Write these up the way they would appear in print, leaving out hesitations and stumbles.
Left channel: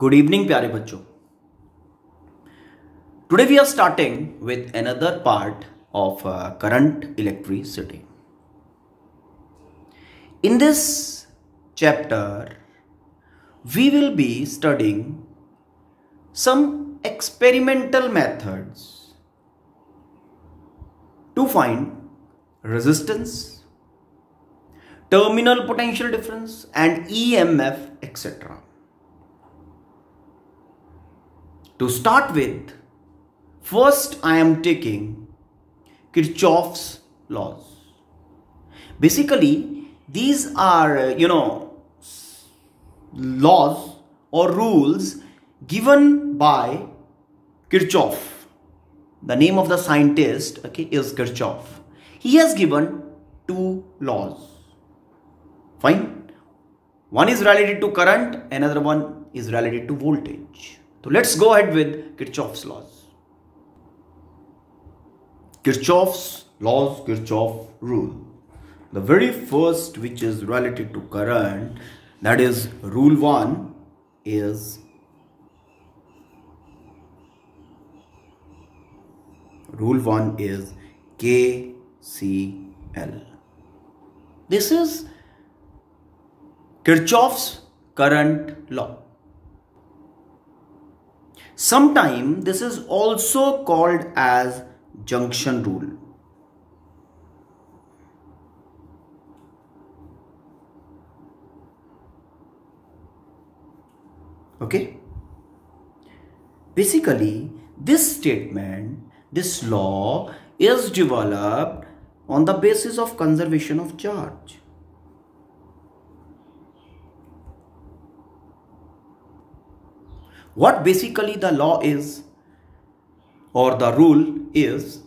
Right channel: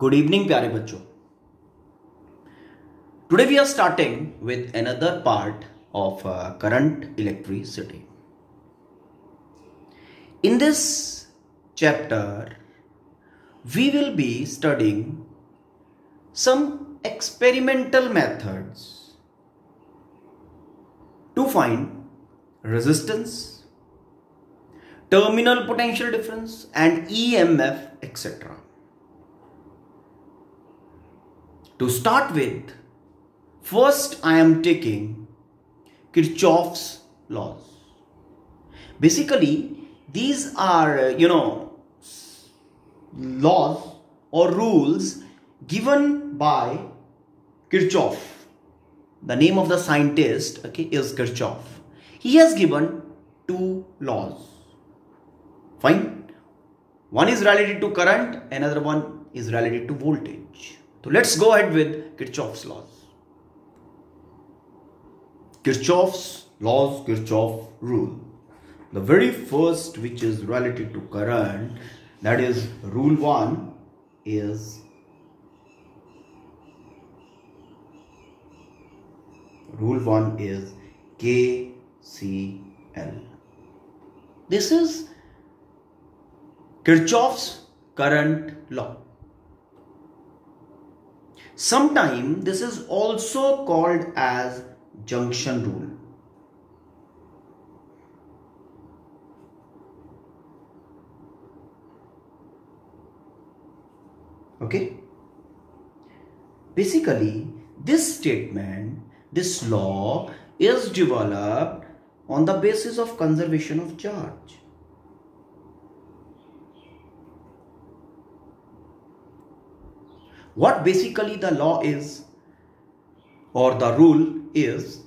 Good evening, प्यारे बच्चों. Today we are starting with another part of current electricity. In this chapter, we will be studying some experimental methods to find resistance, terminal potential difference, and EMF, etc. To start with, first I am taking Kirchhoff's laws. Basically, these are, laws or rules given by Kirchhoff. The name of the scientist, is Kirchhoff. He has given two laws. Fine. One is related to current, another one is related to voltage. So let's go ahead with Kirchhoff's laws. Kirchhoff's laws, Kirchhoff rule. The very first, which is related to current, that is rule 1, is KCL. This is Kirchhoff's current law. Sometimes this is also called as junction rule. Okay? Basically, this statement, this law is developed on the basis of conservation of charge. What basically the law is, or the rule is,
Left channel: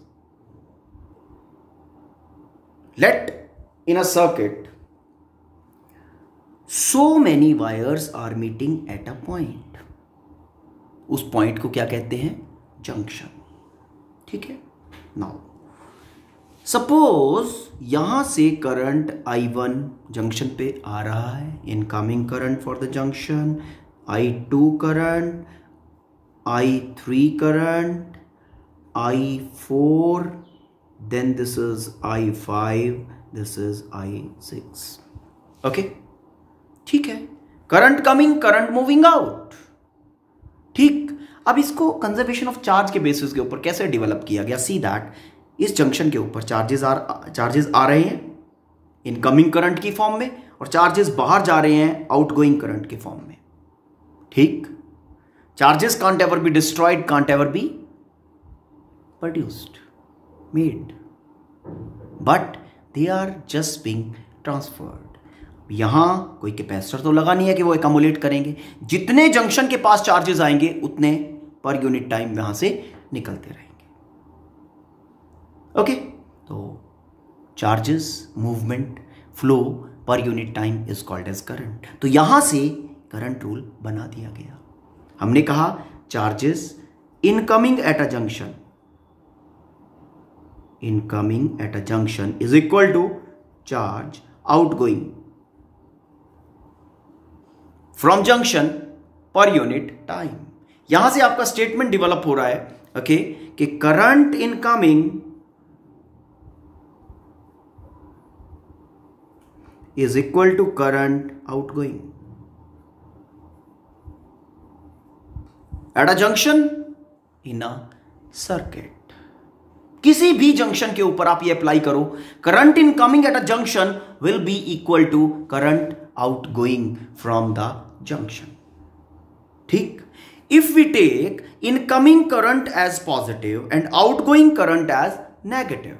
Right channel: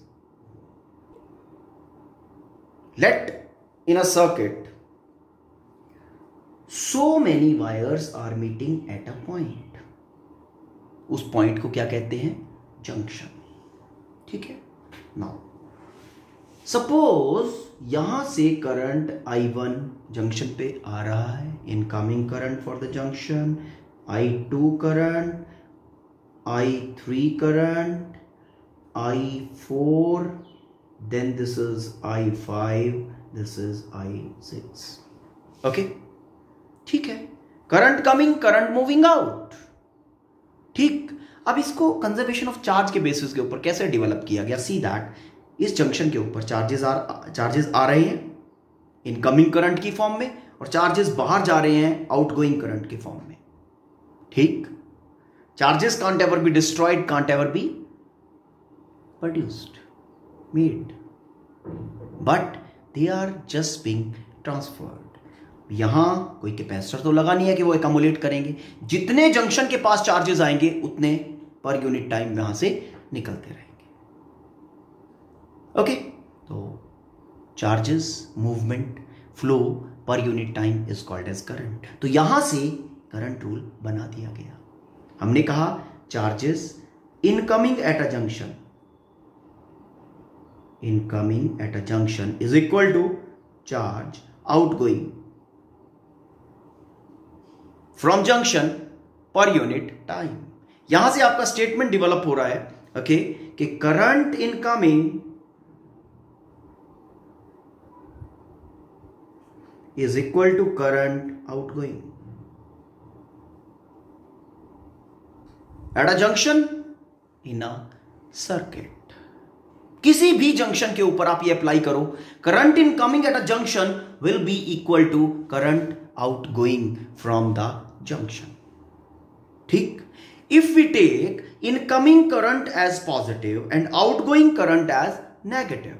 let in a circuit so many wires are meeting at a point. उस point को क्या कहते हैं? Junction. ठीक है. Now suppose यहां से current I1 junction पे आ रहा है, incoming current for the junction, I2 current, I3 current, I4, then this is I5, this is I6. Okay? ठीक है. Current coming, current moving out. ठीक. अब इसको कंजर्वेशन ऑफ चार्ज के बेसिस के ऊपर कैसे डेवलप किया गया? सी दैट इस जंक्शन के ऊपर चार्जेस आ रहे हैं इनकमिंग करंट की फॉर्म में, और चार्जेस बाहर जा रहे हैं आउटगोइंग करंट के फॉर्म में. ठीक. Charges can't ever be destroyed, can't ever be produced, made, but they are just being transferred. यहां कोई कैपेसिटर तो लगा नहीं है कि वो एकमुलेट करेंगे. जितने जंक्शन के पास चार्जेस आएंगे उतने पर यूनिट टाइम यहां से निकलते रहेंगे. ओके. तो charges, movement, flow per unit time is called as current. तो यहां से करंट रूल बना दिया गया. हमने कहा charges incoming at a junction is equal to charge outgoing from junction per unit time. यहां से आपका स्टेटमेंट डेवलप हो रहा है, ओके, कि current incoming is equal to current outgoing at a junction in a circuit. किसी भी junction के ऊपर आप ये अप्लाई करो, current incoming at a junction will be equal to current outgoing from the junction. ठीक. If we take incoming current as positive and outgoing current as negative,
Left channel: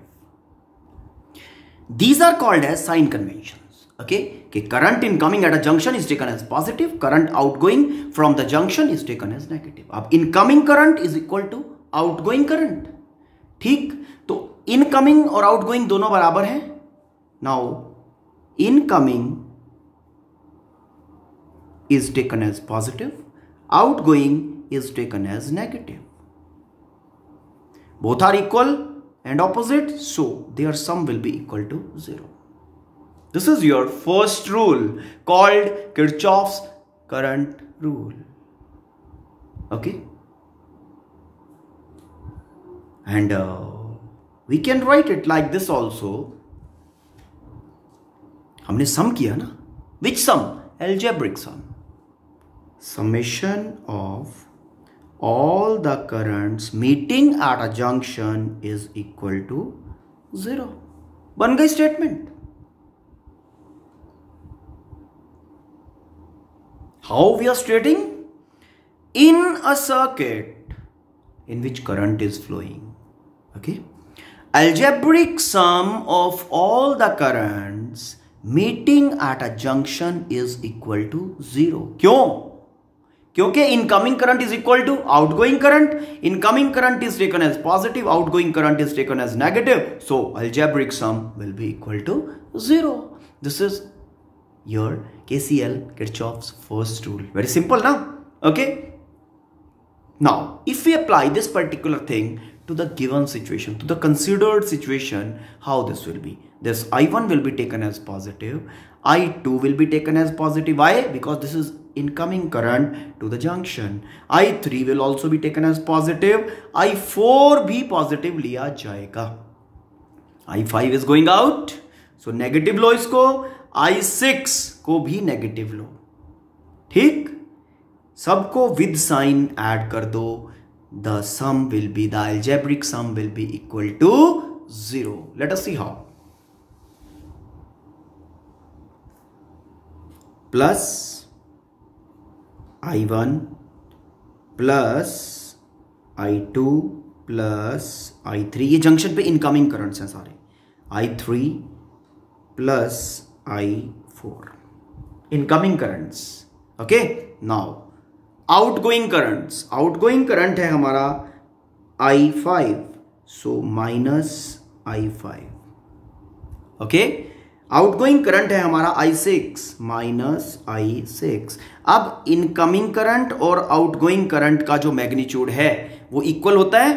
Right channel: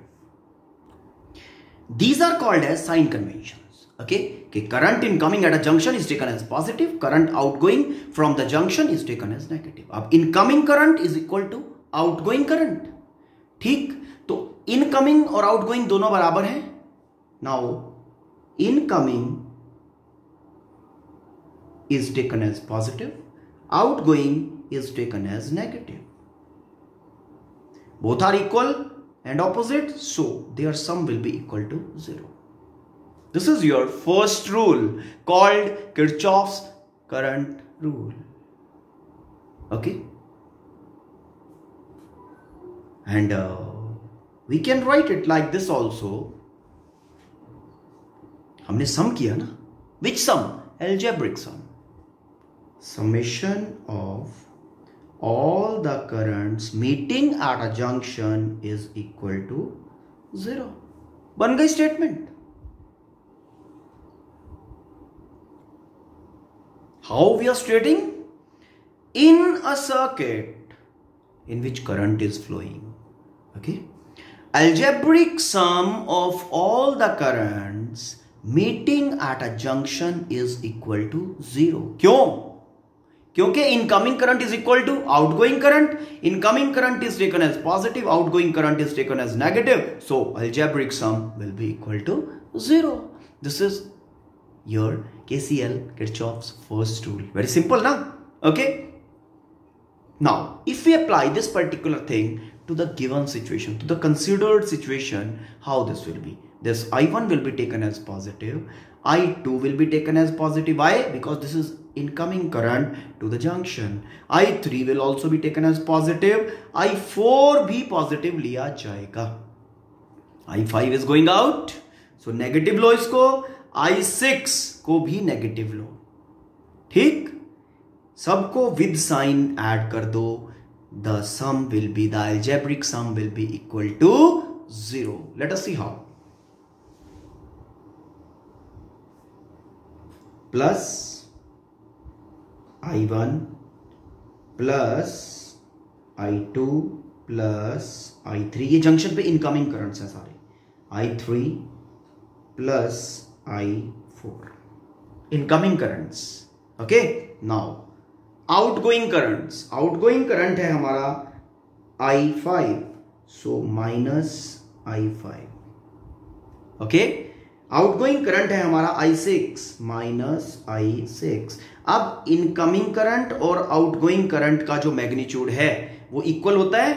these are called as sign convention. Okay, कि current incoming at a junction is taken as positive, current outgoing from the junction is taken as negative. अब incoming current is equal to outgoing current. ठीक. तो incoming और outgoing दोनों बराबर हैं. Now incoming is taken as positive, outgoing is taken as negative. Both are equal and opposite, so their sum will be equal to 0. This is your first rule called Kirchhoff's current rule. Okay, and we can write it like this also. हमने सम किया ना, which sum? Algebraic sum. Summation of all the currents meeting at a junction is equal to 0. बन गई statement. How we are stating? In a circuit in which current is flowing, okay, algebraic sum of all the currents meeting at a junction is equal to 0. क्यों? क्योंकि incoming current is equal to outgoing current. Incoming current is taken as positive, outgoing current is taken as negative, so algebraic sum will be equal to 0. This is your KCL, Kirchhoff's first rule. Very simple now. Okay, now if we apply this particular thing to the given situation, to the considered situation, how this will be? This I1 will be taken as positive, I2 will be taken as positive. Why? Because this is incoming current to the junction. I3 will also be taken as positive, I4 भी positive लिया जाएगा. I5 is going out, so negative लो इसको, I6 को भी negative लो. ठीक, सबको with sign add कर दो. The sum will be, the algebraic sum will be equal to 0. Let us see how. Plus I1 plus I2 plus I3, ये junction पे incoming currents हैं सारे. I3 plus I4 incoming currents. Okay, now outgoing currents. Outgoing current है हमारा I5, so minus I5. Okay, outgoing current है हमारा I6 minus I6. अब incoming current और आउटगोइंग करंट का जो मैग्नीट्यूड है वो इक्वल होता है,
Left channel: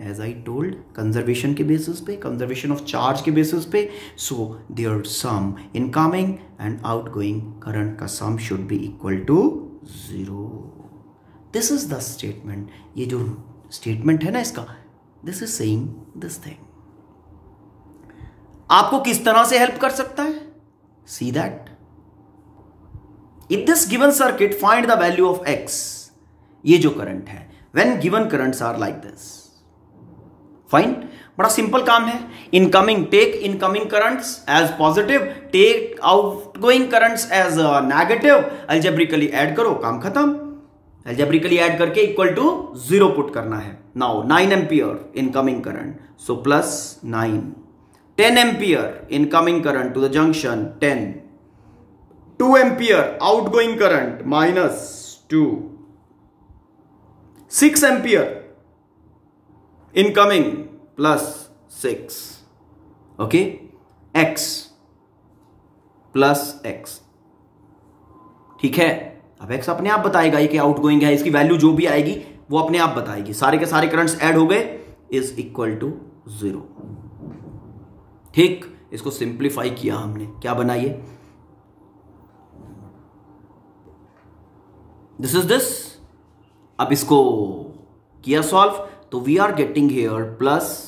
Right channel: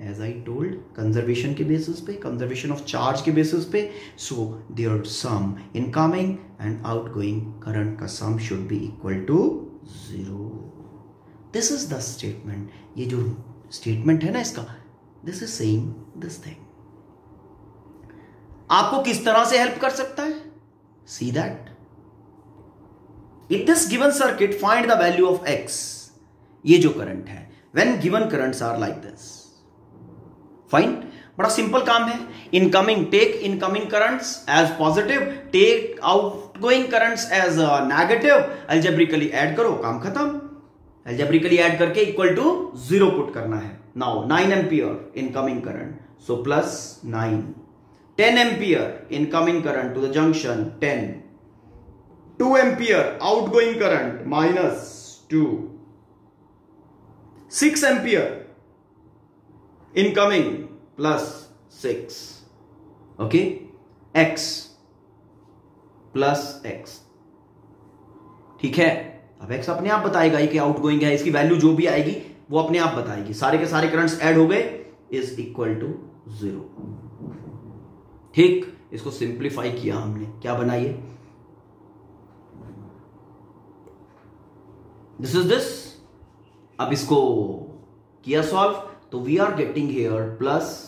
एज आई टोल्ड, कंजर्वेशन के बेसिस पे, कंजर्वेशन ऑफ चार्ज के बेसिस पे. So their sum, incoming and outgoing current का sum should be equal to 0. This is the statement. ये जो स्टेटमेंट है ना इसका, this is saying this thing. आपको किस तरह से हेल्प कर सकता है? See that. In this given circuit, find the value of x. ये जो करंट है, when given currents are like this. Fine. बड़ा सिंपल काम है. Incoming, take incoming currents as positive, take outgoing currents as negative. Algebraically add करो, काम खत्म. Algebraically add करके equal to 0 पुट करना है. Now 9 ampere incoming current, so plus 9. 10 ampere incoming current to the junction, 10. 2 ampere outgoing current, minus 2. 6 ampere incoming, plus 6. Okay, x plus x. ठीक है. अब x अपने आप बताएगा ये कि आउटगोइंग है, इसकी वैल्यू जो भी आएगी वो अपने आप बताएगी. सारे के सारे करंट्स ऐड हो गए, इज इक्वल टू 0. ठीक, इसको सिंप्लीफाई किया हमने, क्या बनाइए, दिस इज दिस. अब इसको किया सॉल्व, तो we are getting here plus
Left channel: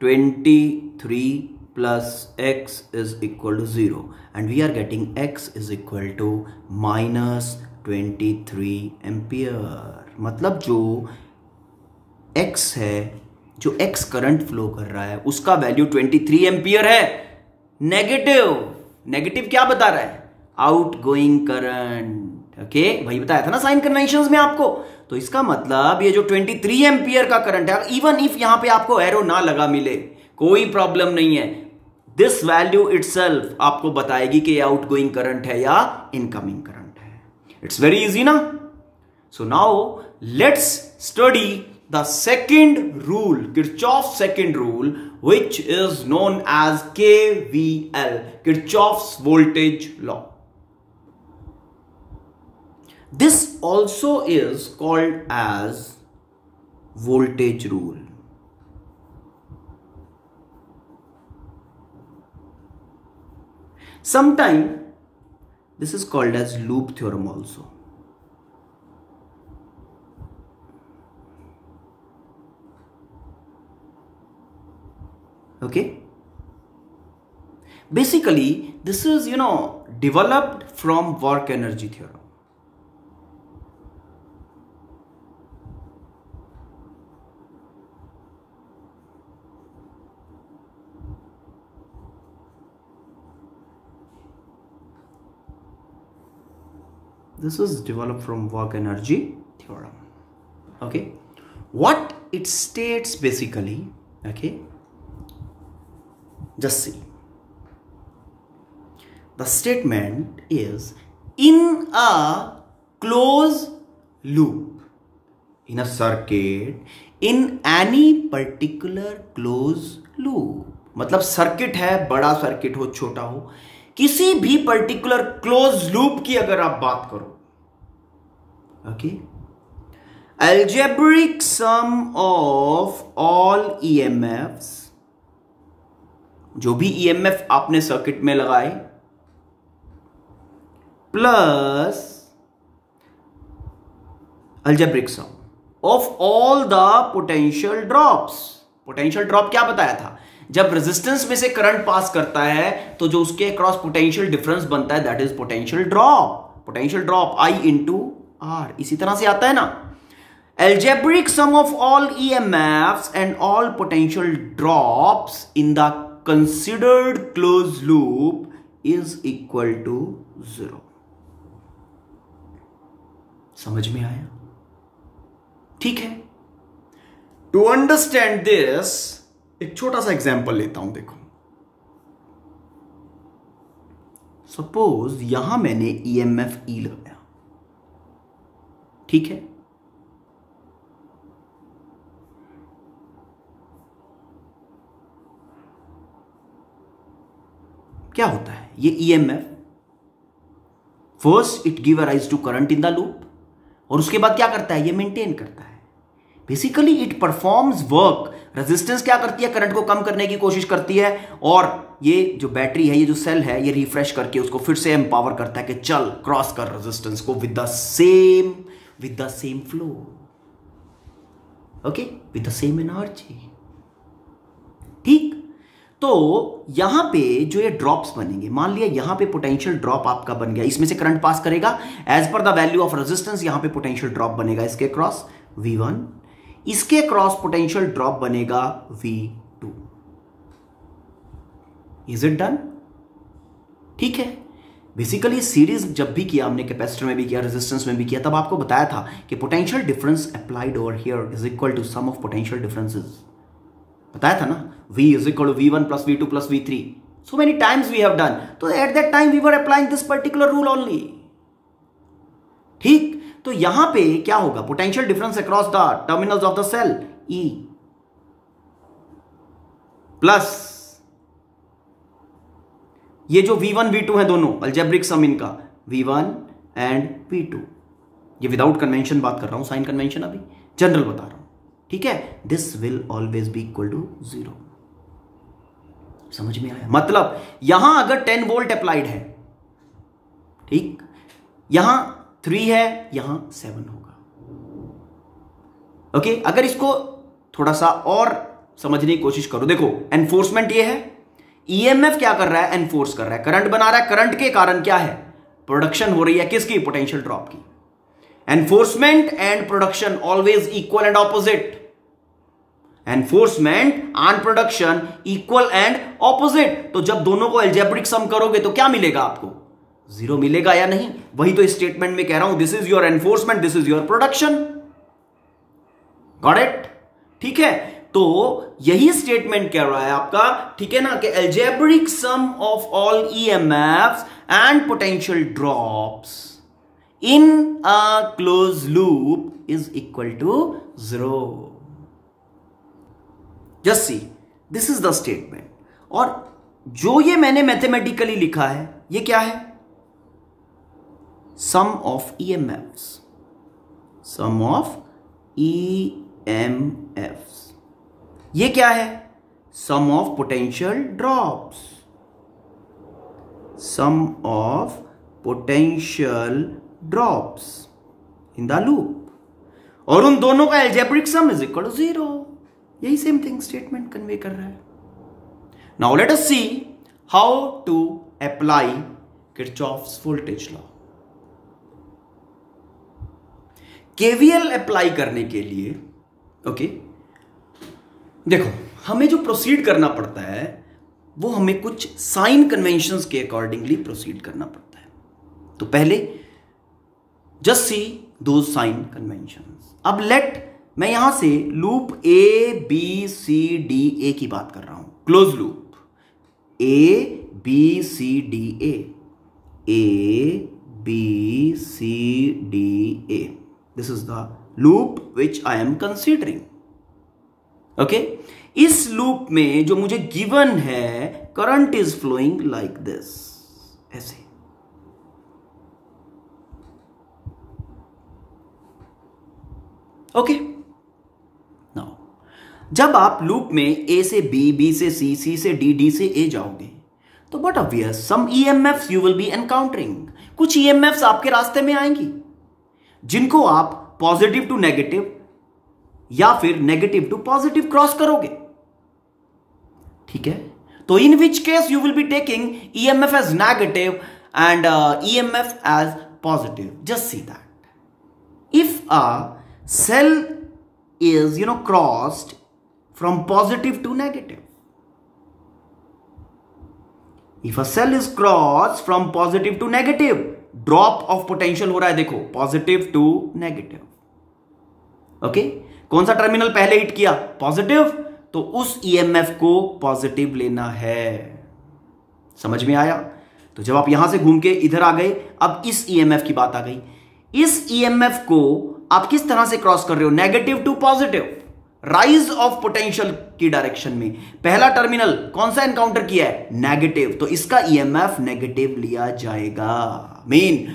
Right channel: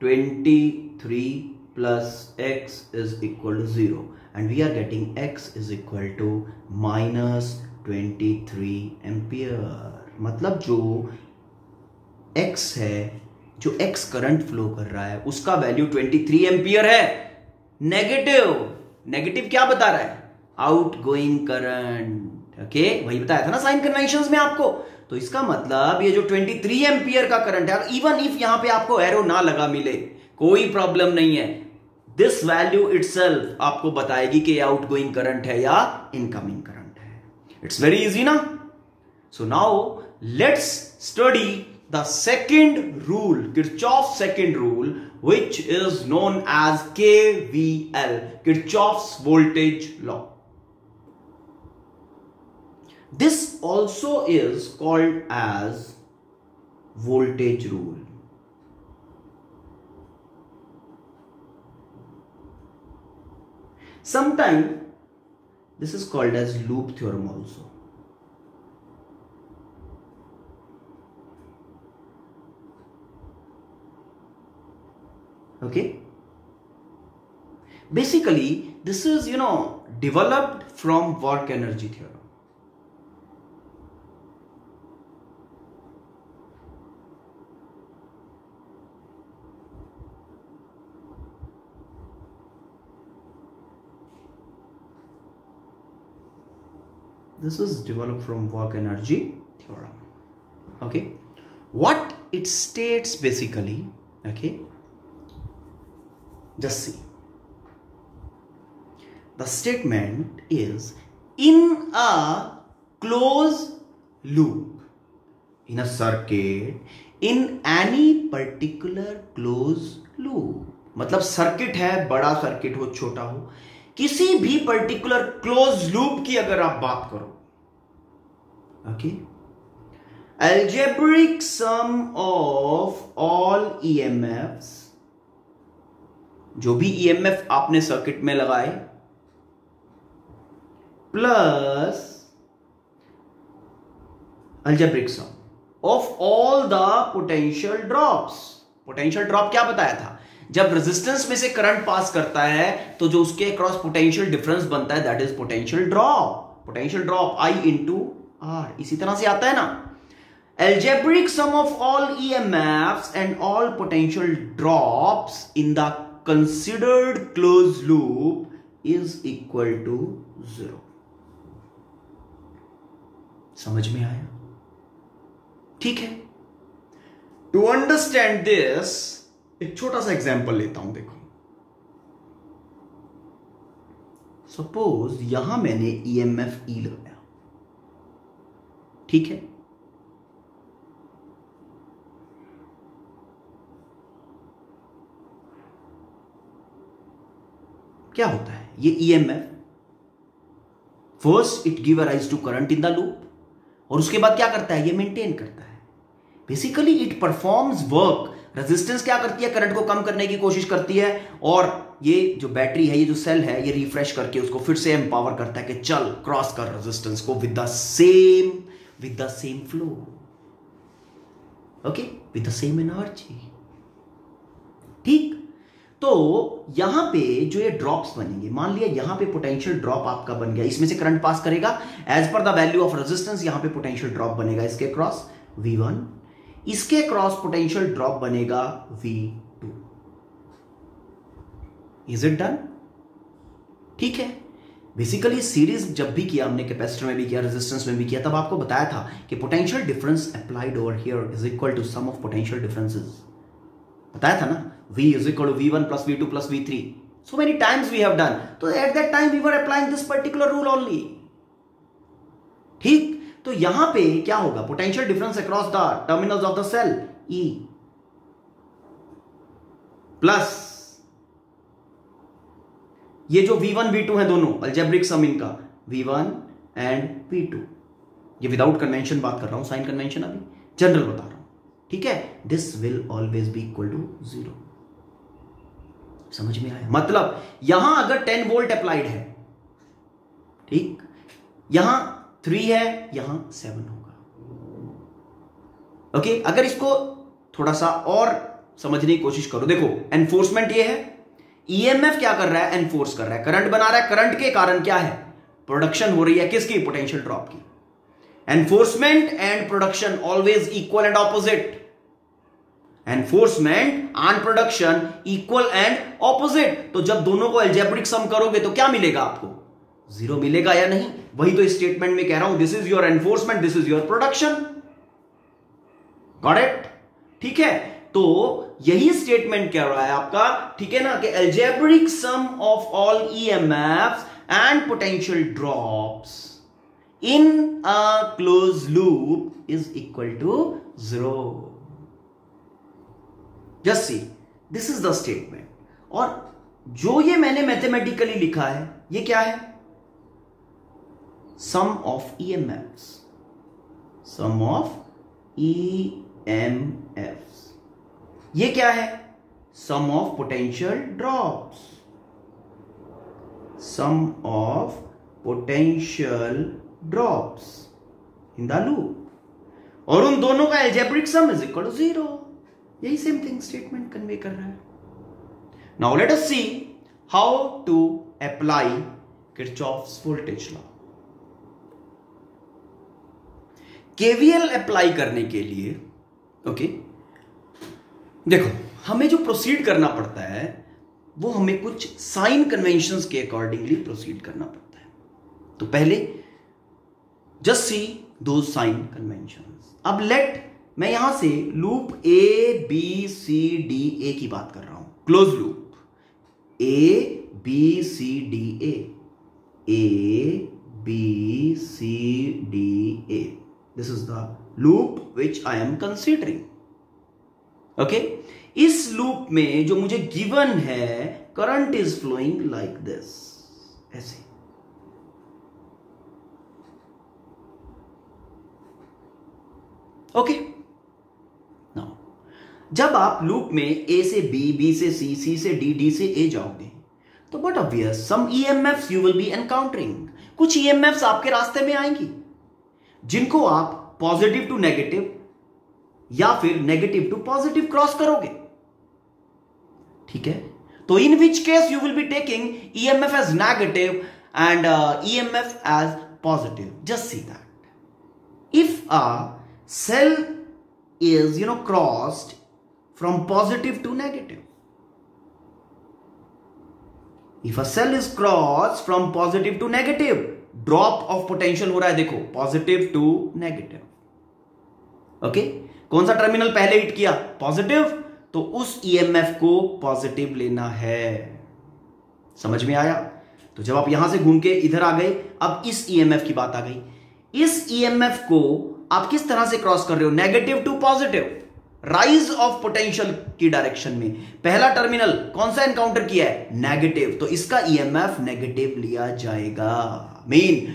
23 plus x is equal to 0 and we are getting x is equal to minus 23 ampere. मतलब जो x है, जो x करंट फ्लो कर रहा है, उसका वैल्यू 23 एम्पियर है. नेगेटिव, नेगेटिव क्या बता रहा है? Outgoing current. ओके, वही बताया था ना साइन कन्वेंशंस में आपको. तो इसका मतलब ये जो 23 एम्पियर का करंट है, इवन इफ यहां पे आपको एरो ना लगा मिले, कोई प्रॉब्लम नहीं है. दिस वैल्यू इटसेल्फ आपको बताएगी कि आउटगोइंग करंट है या इनकमिंग करंट है. इट्स वेरी इजी ना. So now let's study the second rule, Kirchhoff's second rule, which is known as KVL, Kirchhoff's voltage law. This also is called as voltage rule. Sometimes this is called as loop theorem also. Okay, basically this is developed from work energy theorem. This is developed from work energy theorem. Okay, what it states basically, okay, just see. The statement is, in a closed loop, in a circuit, in any particular closed loop, मतलब circuit है, बड़ा circuit हो छोटा हो, किसी भी particular close loop की अगर आप बात करो, okay, algebraic sum of all EMFs, जो भी EMF आपने सर्किट में लगाए, plus algebraic sum of all the potential drops. Potential drop क्या बताया था? जब रेजिस्टेंस में से करंट पास करता है तो जो उसके अक्रॉस पोटेंशियल डिफरेंस बनता है, that is potential drop. Potential drop I into R. इसी तरह से आता है ना, algebraic sum of all EMFs and all potential drops in the considered closed loop is equal to 0. समझ में आया? ठीक है. टू अंडरस्टैंड दिस एक छोटा सा एग्जांपल लेता हूं. देखो, सपोज यहां मैंने EMF E लगाया, ठीक है, क्या होता है ये EMF? First it give rise to current in the loop, और उसके बाद क्या करता है, ये मेंटेन करता है. Basically it performs work. Resistance क्या करती है, करंट को कम करने की कोशिश करती है, और ये जो बैटरी है, ये जो सेल है, ये रिफ्रेश करके उसको फिर से एम्पावर करता है कि चल क्रॉस कर रेजिस्टेंस को with the same flow, okay, with the same energy. ठीक. तो यहां पे जो ये ड्रॉप्स बनेंगे, मान लिया यहां पे पोटेंशियल ड्रॉप आपका बन गया, इसमें से करंट पास करेगा, as per the value of resistance यहां पे पोटेंशियल ड्रॉप बनेगा इसके क्रॉस V1, इसके क्रॉस पोटेंशियल ड्रॉप बनेगा V2. Is it done? ठीक है. बेसिकली सीरीज जब भी किया हमने, कैपेसिटर में भी किया, रेजिस्टेंस में भी किया, तब आपको बताया था कि potential difference applied over here is equal to sum of potential differences. बताया था ना, V is equal to V1 plus V2 plus V3. So many times we have done. So at that time we were applying this particular rule only. ठीक. तो यहां पे क्या होगा, potential difference across the terminals of the cell E plus ये जो V1 V2 है दोनों, अल्जेब्रिक सम इनका V1 एंड V2. ये विदाउट कन्वेंशन बात कर रहा हूं, साइन कन्वेंशन अभी जनरल बता रहा हूं. ठीक है. This will always be equal to 0. समझ में आया? मतलब यहां अगर 10 वोल्ट अप्लाइड है, ठीक, यहां 3 है, यहां 7 होगा. ओके. अगर इसको थोड़ा सा और समझने की कोशिश करो, देखो एनफोर्समेंट ये है, EMF क्या कर रहा है, एनफोर्स कर रहा है, करंट बना रहा है. करंट के कारण क्या है, प्रोडक्शन हो रही है किसकी, पोटेंशियल ड्रॉप की. Enforcement and production always equal and opposite. Enforcement and production equal and opposite. तो जब दोनों को अलजेब्रिक सम करोगे तो क्या मिलेगा आपको, 0 मिलेगा या नहीं? वही तो स्टेटमेंट में कह रहा हूं, this is your enforcement, this is your production. Got it? ठीक है. तो यही स्टेटमेंट कह रहा है आपका, ठीक है ना, कि algebraic sum of all EMFs and potential drops in a close loop is equal to 0. Just see, this is the statement. और जो ये मैंने मैथमेटिकली लिखा है, ये क्या है, sum of EMFs, sum of EMFs. ये क्या है, sum of potential drops, sum of potential drops in the loop, और उन दोनों का algebraic sum is equal to 0. यही सेम थिंग स्टेटमेंट कन्वे कर रहा है. Now let us see how to apply Kirchhoff's voltage law. KVL apply करने के लिए ओके देखो, हमें जो प्रोसीड करना पड़ता है वो हमें कुछ साइन कन्वेंशंस के अकॉर्डिंगली प्रोसीड करना पड़ता है। तो पहले जस्ट सी दो साइन कन्वेंशंस। अब लेट मैं यहां से loop A B C D A की बात कर रहा हूं, close loop A B C D A B C D A. This is the loop which I am considering. Okay, इस लूप में जो मुझे गिवन है, current is flowing like this, ऐसे। ओके, नाउ जब आप लूप में ए से बी, बी से सी, सी से डी, डी से ए जाओगे तो but obvious some EMFs you will be encountering. कुछ ईएमएफ्स आपके रास्ते में आएंगी जिनको आप पॉजिटिव टू नेगेटिव या फिर नेगेटिव टू पॉजिटिव क्रॉस करोगे। ठीक है, तो in which case you will be taking EMF as negative and EMF as positive. Just see that if a cell is crossed from positive to negative, if a cell is crossed from positive to negative, drop of potential हो रहा है, देखो positive to negative। Okay, कौन सा terminal पहले hit किया? Positive, तो उस ईएमएफ को पॉजिटिव लेना है। समझ में आया? तो जब आप यहां से घूम के इधर आ गए, अब इस ईएमएफ की बात आ गई। इस ईएमएफ को आप किस तरह से क्रॉस कर रहे हो? Negative to positive, rise of potential की डायरेक्शन में। पहला टर्मिनल कौन सा एनकाउंटर किया है? नेगेटिव, तो इसका ईएमएफ नेगेटिव लिया जाएगा। Mean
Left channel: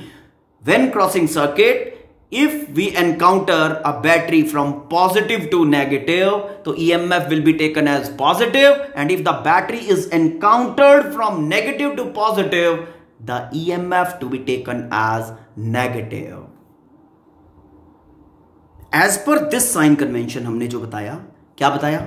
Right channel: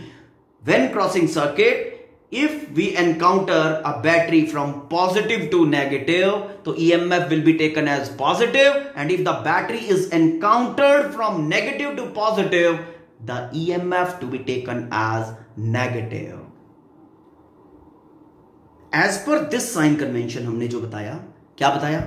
when crossing circuit, if we encounter a battery from positive to negative, तो EMF will be taken as positive, and if the battery is encountered from negative to positive, the EMF to be taken as negative. As per this sign convention हमने जो बताया, क्या बताया?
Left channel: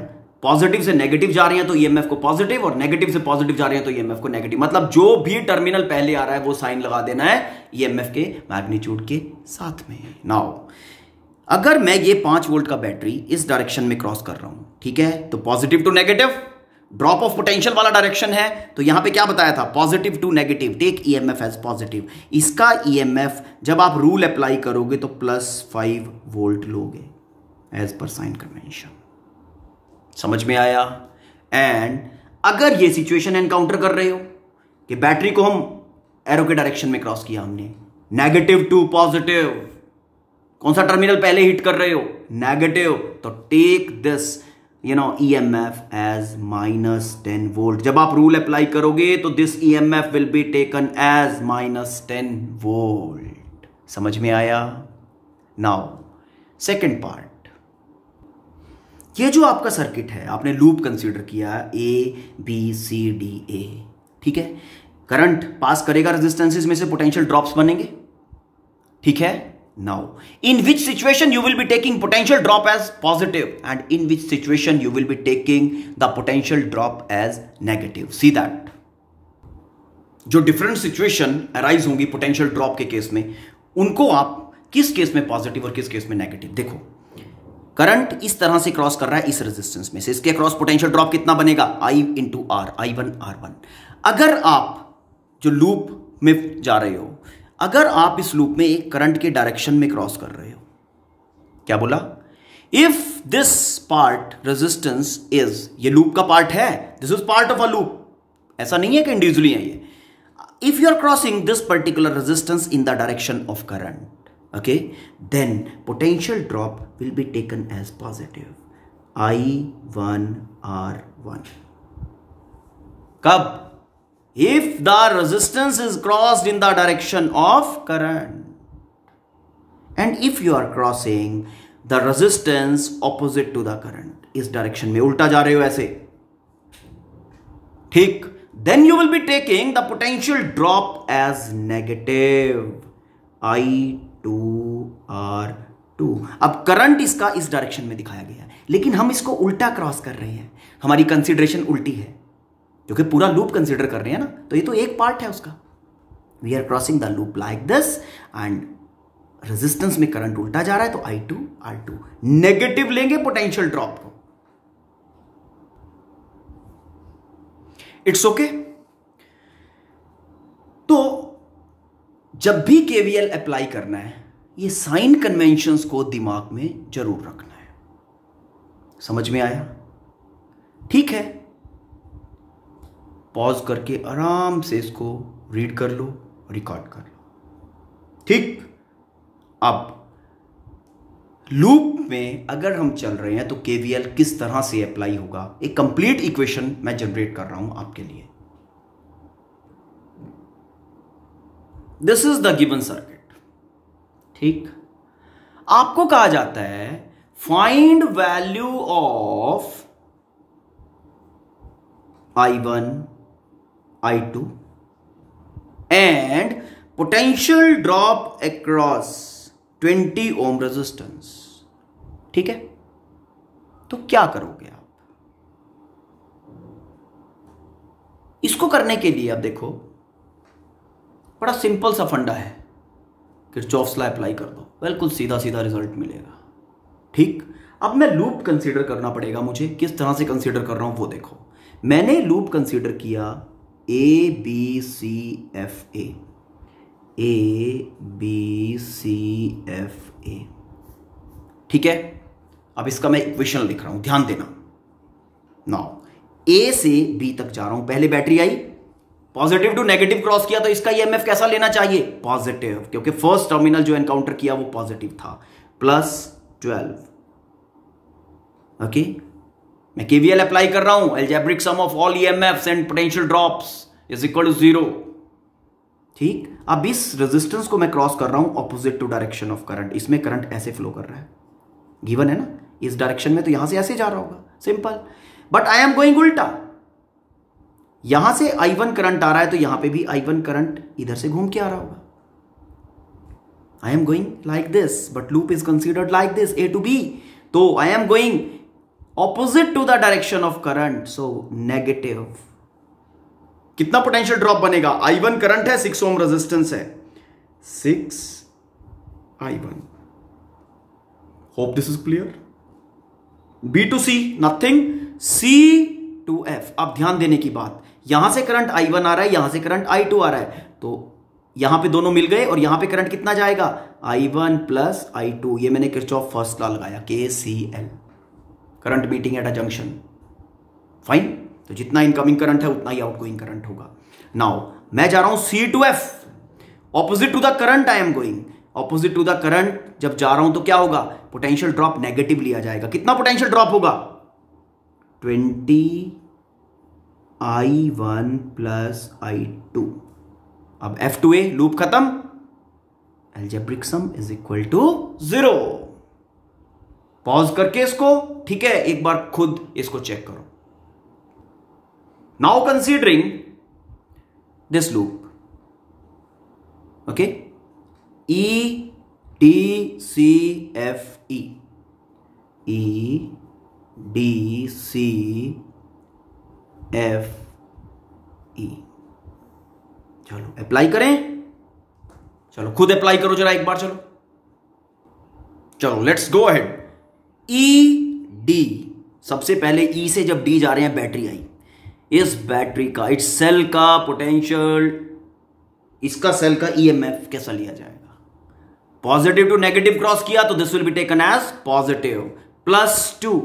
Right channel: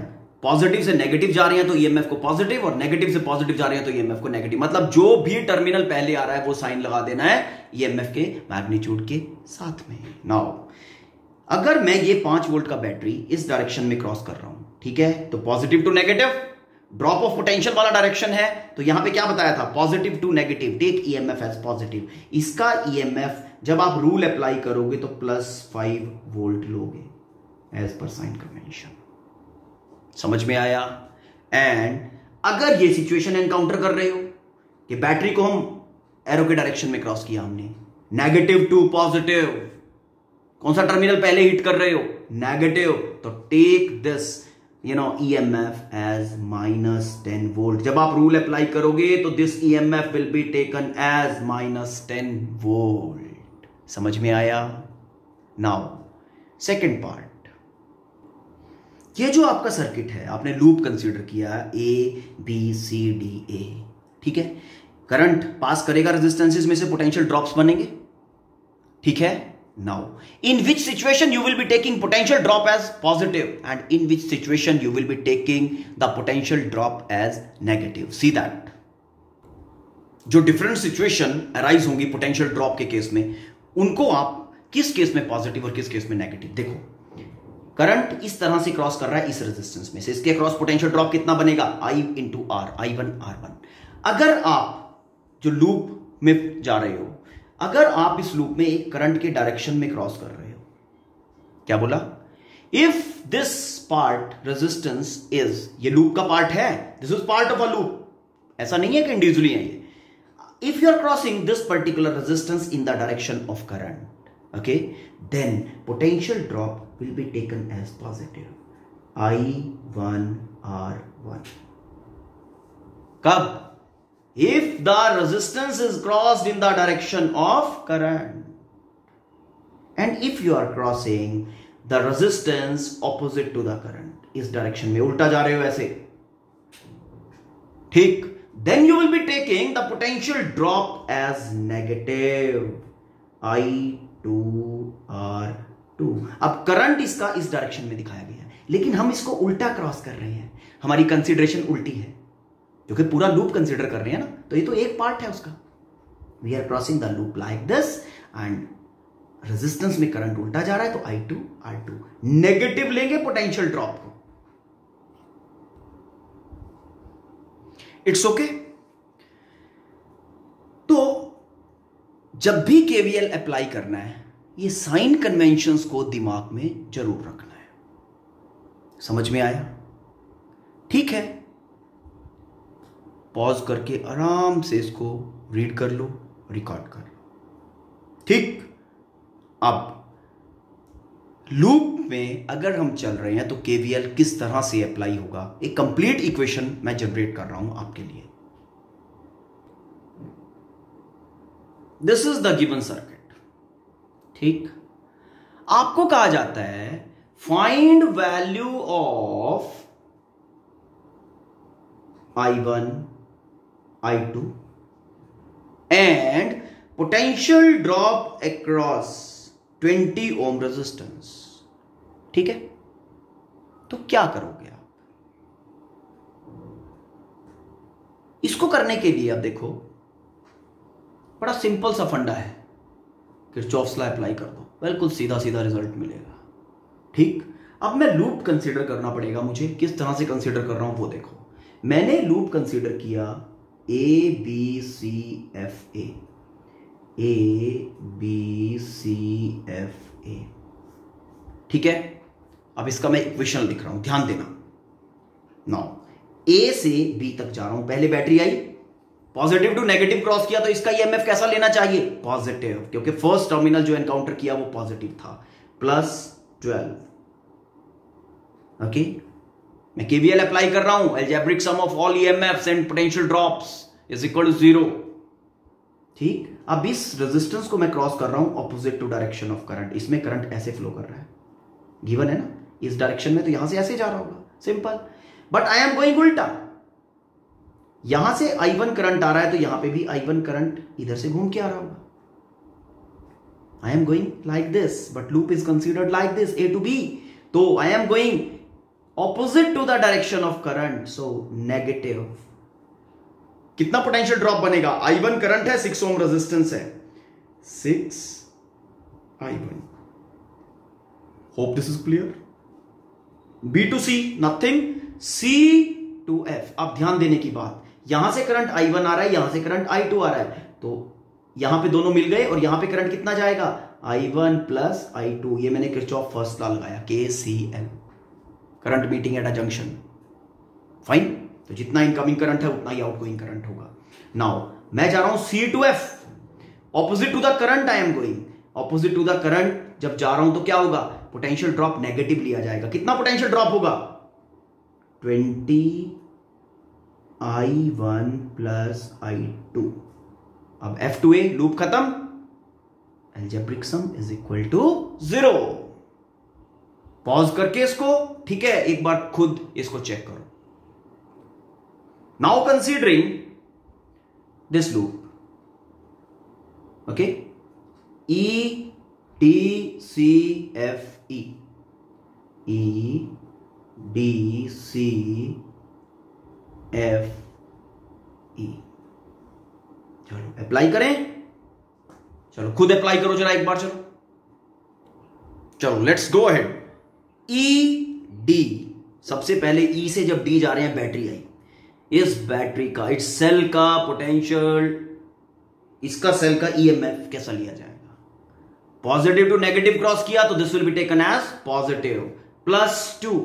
Positive से negative जा रहे हैं तो ईएमएफ को पॉजिटिव, और नेगेटिव से पॉजिटिव जा रहे हैं तो ईएमएफ को नेगेटिव। मतलब जो भी टर्मिनल पहले आ रहा है वो साइन लगा देना है ईएमएफ के मैग्नीट्यूड के साथ में। नाउ अगर मैं ये 5 वोल्ट का बैटरी इस डायरेक्शन में क्रॉस कर रहा हूं, ठीक है, तो positive to negative, drop of potential वाला डायरेक्शन है, तो यहां पे क्या बताया था? Positive to negative, take EMF as positive. इसका ईएमएफ जब आप रूल अप्लाई करोगे तो +5 वोल्ट लोगे एज पर साइन कन्वेंशन। समझ में आया? एंड अगर ये सिचुएशन एनकाउंटर कर रहे हो कि बैटरी को हम एरो के डायरेक्शन में क्रॉस किया हमने, नेगेटिव टू पॉजिटिव, कौन सा टर्मिनल पहले हिट कर रहे हो? नेगेटिव, तो take this EMF as -10 volt. जब आप रूल अप्लाई करोगे तो this EMF will be taken as -10 volt. समझ में आया? नाउ सेकेंड पार्ट, ये जो आपका सर्किट है, आपने लूप कंसीडर किया ABCDA, ठीक है, करंट पास करेगा रेजिस्टेंसेस में से, पोटेंशियल ड्रॉप्स बनेंगे, ठीक है। Now, in which situation you will be taking potential drop as positive, and in which situation you will be taking the potential drop as negative? See that. जो different situation arise होंगी potential drop के case में, उनको आप किस case में positive और किस केस में नेगेटिव? देखो, करंट इस तरह से क्रॉस कर रहा है इस रेजिस्टेंस में से, इसके क्रॉस पोटेंशियल ड्रॉप कितना बनेगा? I into R, I1 R1। अगर आप जो लूप में जा रहे हो, अगर आप इस लूप में एक करंट के डायरेक्शन में क्रॉस कर रहे हो, क्या बोला? If this part resistance is, ये लूप का पार्ट है, this is part of a loop, ऐसा नहीं है कि इंडिविजुअली है ये। If you are crossing this particular resistance in the direction of current, okay, then potential drop will be taken as positive, I1 R1। कब? If the resistance is crossed in the direction of current, and if you are crossing the resistance opposite to the current, इस direction में उल्टा जा रहे हो ऐसे, ठीक, then you will be taking the potential drop as negative, I2 R2। अब current इसका इस डायरेक्शन में दिखाया गया है, लेकिन हम इसको उल्टा क्रॉस कर रहे हैं, हमारी कंसीडरेशन उल्टी है। क्योंकि पूरा लूप कंसिडर कर रहे हैं ना, तो ये तो एक पार्ट है उसका। We are crossing the loop like this and resistance में करंट उल्टा जा रहा है, तो I2 R2 नेगेटिव लेंगे पोटेंशियल ड्रॉप को। It's okay. तो जब भी केवीएल अप्लाई करना है, ये साइन कन्वेंशंस को दिमाग में जरूर रखना है। समझ में आया? ठीक है, पॉज करके आराम से इसको रीड कर लो, रिकॉर्ड कर लो। ठीक, अब लूप में अगर हम चल रहे हैं तो केवीएल किस तरह से अप्लाई होगा, एक कंप्लीट इक्वेशन मैं जनरेट कर रहा हूं आपके लिए। This is the given circuit. ठीक, आपको कहा जाता है find value of I1 I2 and potential drop across 20 ohm resistance. ठीक है, तो क्या करोगे आप? इसको करने के लिए आप देखो, बड़ा सिंपल सा फंडा है, किरचॉफ्स लॉ अप्लाई कर दो, बिल्कुल सीधा सीधा रिजल्ट मिलेगा। ठीक, अब मैं लूप कंसीडर करना पड़ेगा मुझे। किस तरह से कंसीडर कर रहा हूं वो देखो। मैंने लूप कंसीडर किया ABCFA, ABCFA। ठीक है, अब इसका मैं इक्वेशन लिख रहा हूं, ध्यान देना। नाउ A से B तक जा रहा हूं, पहले बैटरी आई, पॉजिटिव टू नेगेटिव क्रॉस किया, तो इसका ईएमएफ कैसा लेना चाहिए? पॉजिटिव, क्योंकि फर्स्ट टर्मिनल जो एनकाउंटर किया वो पॉजिटिव था, +12। ओके, मैं केवीएल अप्लाई कर रहा हूं, algebraic sum of all EMFs and potential drops is equal to 0। ठीक, अब इस रेजिस्टेंस को मैं क्रॉस कर रहा हूं opposite to direction of current. इसमें करंट ऐसे फ्लो कर रहा है, गिवन है ना, इस डायरेक्शन में, तो यहां से ऐसे जा रहा होगा, simple. But I am going उल्टा, यहां से I1 करंट आ रहा है, तो यहां पे भी I1 करंट इधर से घूम के आ रहा होगा। I am going like this, but loop is considered like this, A to B, तो I am going opposite to the direction of current, so negative. कितना पोटेंशियल ड्रॉप बनेगा? I1 करंट है, 6 ओम रेजिस्टेंस है, 6I1। Hope this is clear. B to C nothing, C to F। अब ध्यान देने की बात, यहां से करंट I1 आ रहा है, यहां से करंट I2 आ रहा है, तो यहां पे दोनों मिल गए, और यहां पे करंट कितना जाएगा? I1 plus I2। ये मैंने किरचॉफ फर्स्ट लॉ लगाया, KCL, current meeting at a junction. Fine, तो जितना इनकमिंग करंट है उतना ही आउटगोइंग करंट होगा। नाउ मैं जा रहा हूं C to F, opposite to the current I am going, opposite to the current जब जा रहा हूं तो क्या होगा? पोटेंशियल ड्रॉप नेगेटिव लिया जाएगा। कितना पोटेंशियल ड्रॉप होगा? 20I1 plus I2। अब F2A, लूप खत्म, algebraic sum is equal to 0। Pause करके इसको, ठीक है, एक बार खुद इसको चेक करो। Now considering this loop, okay, EDCFE, EDCFE। चलो अप्लाई करें, चलो खुद अप्लाई करो जरा एक बार, चलो लेट्स गो अहेड। ED, सबसे पहले E से जब D जा रहे हैं, बैटरी आई, इस बैटरी का, इस सेल का पोटेंशियल, इसका सेल का ईएमएफ कैसा लिया जाएगा? पॉजिटिव टू नेगेटिव क्रॉस किया, तो this will be taken as positive, +2।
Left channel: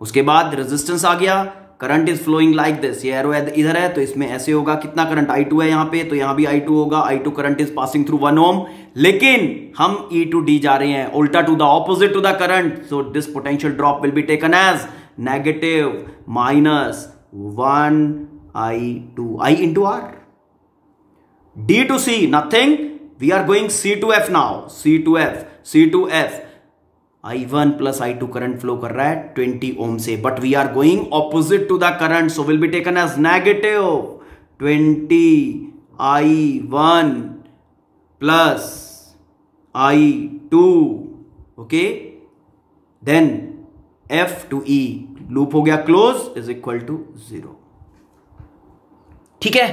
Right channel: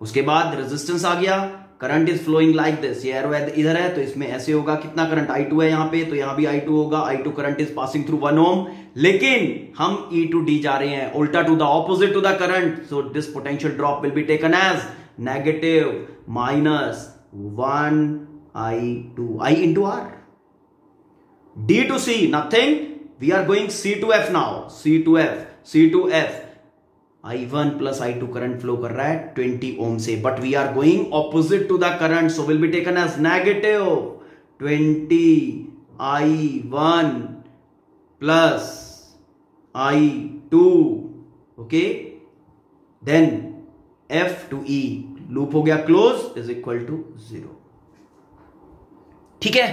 उसके बाद रेजिस्टेंस आ गया, current is flowing like this, ये एरो इधर है तो इसमें ऐसे होगा। कितना करंट? I2 है यहां पे, तो यहां भी I2 होगा। I2 current is passing through 1 ohm, लेकिन हम E to D जा रहे हैं, उल्टा to the opposite to the current, so this potential drop will be taken as negative -1I2, I into R। D to C nothing, we are going C to F now, C to F, C to F। I1 plus I2 current flow कर रहा है 20 ओम से, but we are going opposite to the current, so will be taken as negative 20I1 plus I2। Okay, then F to E, loop हो गया close, is equal to 0। ठीक है,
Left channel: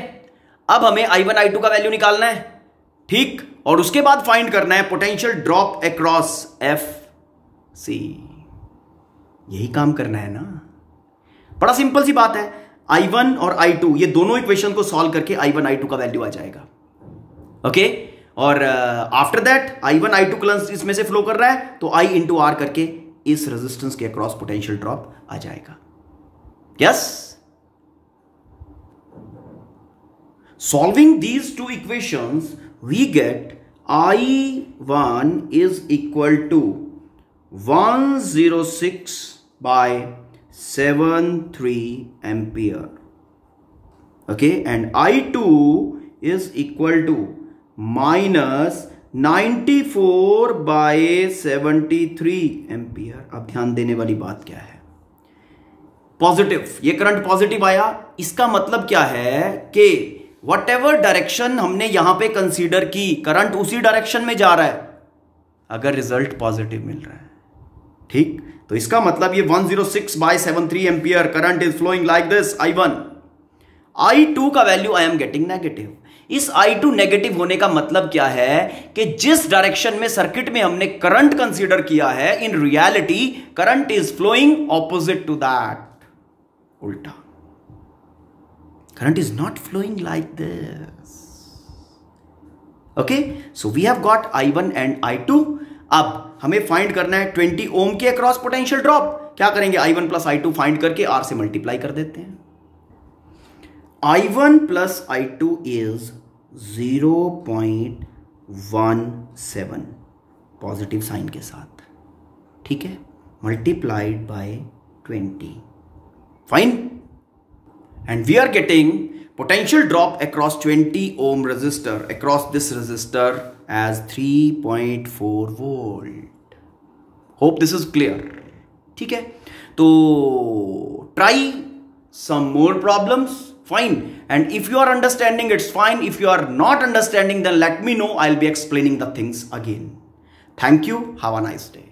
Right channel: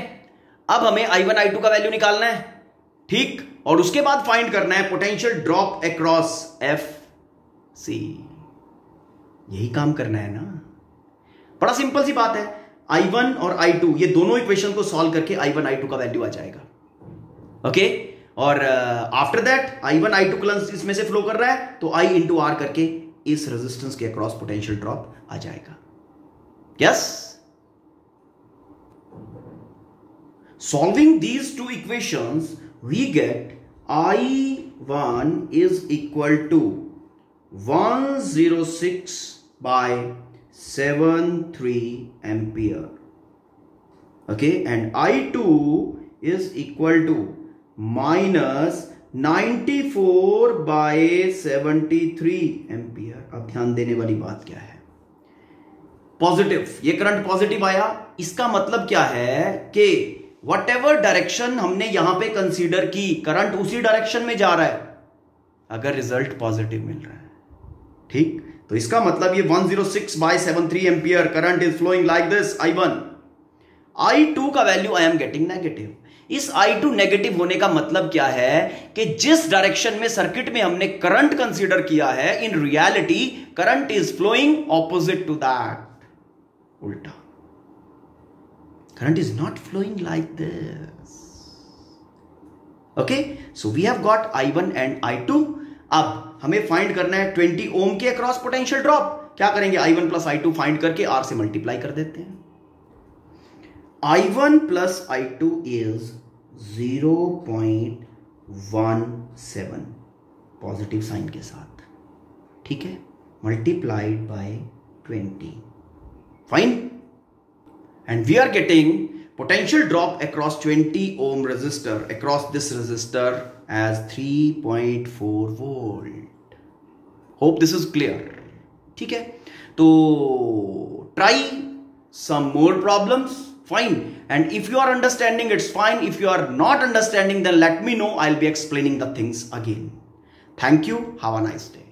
अब हमें I1 I2 का वैल्यू निकालना है, ठीक, और उसके बाद फाइंड करना है पोटेंशियल ड्रॉप अक्रॉस FC। यही काम करना है ना, बड़ा सिंपल सी बात है। I1 और I2 ये दोनों इक्वेशन को सॉल्व करके I1 I2 का वैल्यू आ जाएगा। ओके, और after that I1 I2 current इसमें से फ्लो कर रहा है, तो I इंटू R करके इस रेजिस्टेंस के अक्रॉस पोटेंशियल ड्रॉप आ जाएगा। Yes, solving these two equations we get I1 is equal to 106/73 ampere. Okay, and I2 is equal to minus 94/73 ampere. अब ध्यान देने वाली बात क्या है, पॉजिटिव, ये करंट पॉजिटिव आया, इसका मतलब क्या है कि वट एवर डायरेक्शन हमने यहां पे कंसीडर की, करंट उसी डायरेक्शन में जा रहा है अगर रिजल्ट पॉजिटिव मिल रहा है। ठीक, तो इसका मतलब ये 106/73 ampere current is flowing like this I1। I2 का value I am getting negative. इस I2 नेगेटिव होने का मतलब क्या है कि जिस डायरेक्शन में सर्किट में हमने करंट कंसीडर किया है, in reality current is flowing opposite to that, उल्टा। Current is not flowing like this. Okay, so we have got I1 and I2. अब हमें फाइंड करना है 20 ओम के अक्रॉस पोटेंशियल ड्रॉप। क्या करेंगे, I1 प्लस I2 फाइंड करके R से मल्टीप्लाई कर देते हैं। I1 plus I2 is 0.17 positive sign के साथ, ठीक है, multiplied by 20, fine, and we are getting potential drop across 20 ohm resistor, across this resistor, as 3.4 volt. Hope this is clear. ठीक है, तो try some more problems, fine, and if you are understanding it's fine, if you are not understanding then let me know, I'll be explaining the things again. Thank you, have a nice day.